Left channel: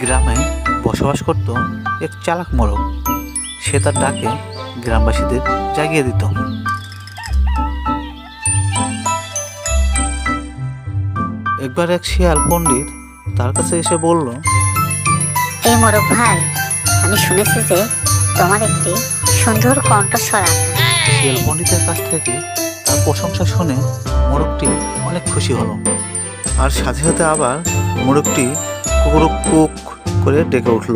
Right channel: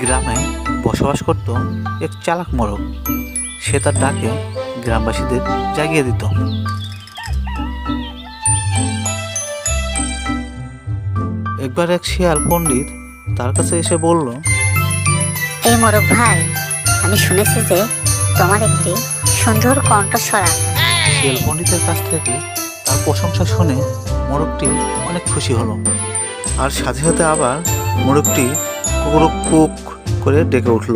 গ্রামে বসবাস করত এক চালাক মোরগ। সে তার ডাকে গ্রামবাসীদের জাগিয়ে দিত। একবার এক শিয়াল পণ্ডিত তার কাছে এসে বলল, এই মোরগ ভাই, আমি শুনেছি যে তোমার একটি সুন্দর কণ্ঠস্বর আছে। শিয়াল পণ্ডিতের কাছ থেকে তার প্রশংসা শুনে মোরগটি অনেক খুশি হলো, আর সাথে সাথে আবার মোরগটি কুকুরুক কুক করে ডেকে উঠল।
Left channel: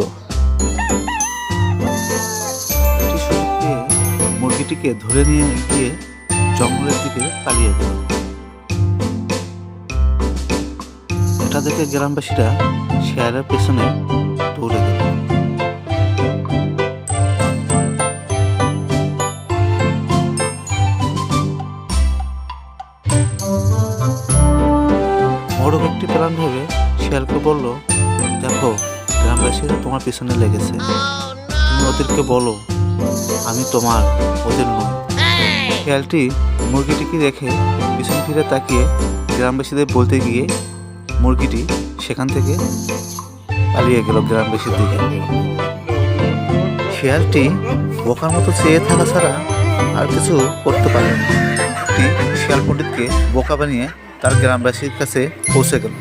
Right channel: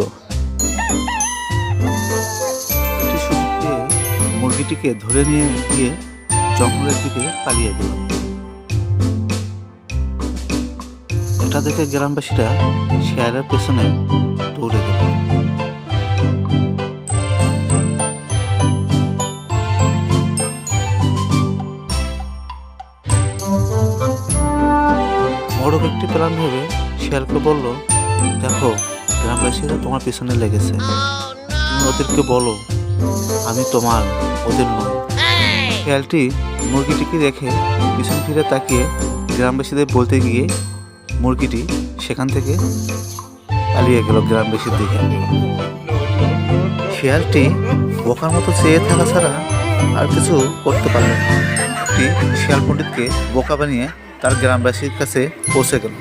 একটি সুযোগ পেয়ে মুরগিটিকে ধরে নিয়ে গিয়ে জঙ্গলের দিকে পালিয়ে গেল। এটা দেখে গ্রামবাসীরা শিয়ালের পেছনে দৌড়ে গেল। মোরগ একটি প্ল্যান ভেবে শিয়ালকে বলল, দেখো, গ্রামবাসীরা তোমার পিছনে লেগেছে, তুমি ওদেরকে বলো আমি তোমার, ওদের নই। শিয়ালটি মুরগিটিকে রেখে পিছন ফিরে তাকিয়ে গ্রামবাসীদের বলতে গিয়ে মুরগিটি সেখান থেকে পালিয়ে গেল গ্রামবাসীর দিকে। শিয়ালটি বোকার মতো চেয়ে থাকা ছাড়া আর কিছু করতে পারল না। শিয়াল পণ্ডিতকে বোকা বানিয়ে তার গ্রামবাসীর কাছে পৌঁছে গেল।